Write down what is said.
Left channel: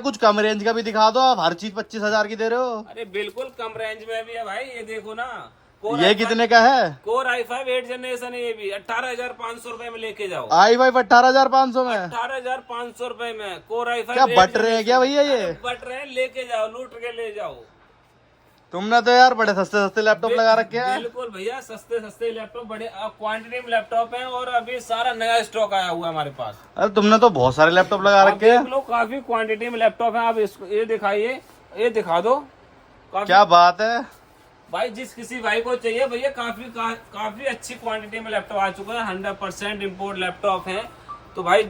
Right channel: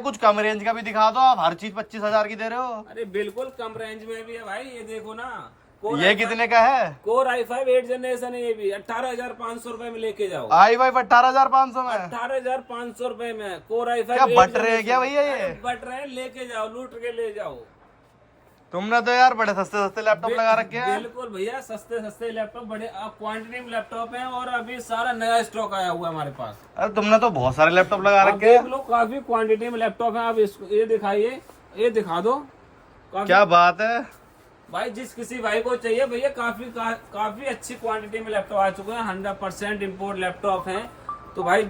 कुछ कम रेंज का भी दिखा दो, आप हर चीज 25,000 की दे रहे हो। अरे बिल्कुल कम रेंज में भी है भाई, ये देखो ना। ये कितने का है? कोर i5 8 जनरेशन है, ये भी 18,500 रुपए में लेके जाओ। i5 18,500 में? 18,500 रुपए में कोर i5। क्या बट रहे हैं क्या भैया ये? बट रहे हैं, लेके जाओ, लूट के ले जाओ। तुमने तो यार बड़े सस्ते सस्ते लैपटॉप लगा रखे हैं। बिल्कुल भैया, सस्ते सस्ते लैपटॉप, बड़े क्वांटिटी में लैपटॉप हैं, और अभी सारा नया स्टॉक आया हुआ है हमारे पास। अरे तुमने तो बहुत सारे लैपटॉप लगा आप रखे देख हैं। लो, काफी क्वांटिटी में लैपटॉप है। आप इसको ये दिखाइए, ये दिखा दो। क्या बात है भाई, जिस किसी भाई को चाहिए भैया, काफी अच्छी क्वांटिटी में लैपटॉप आ चुका है। 100% इम्पोर्ट लैपटॉप है। तो भाई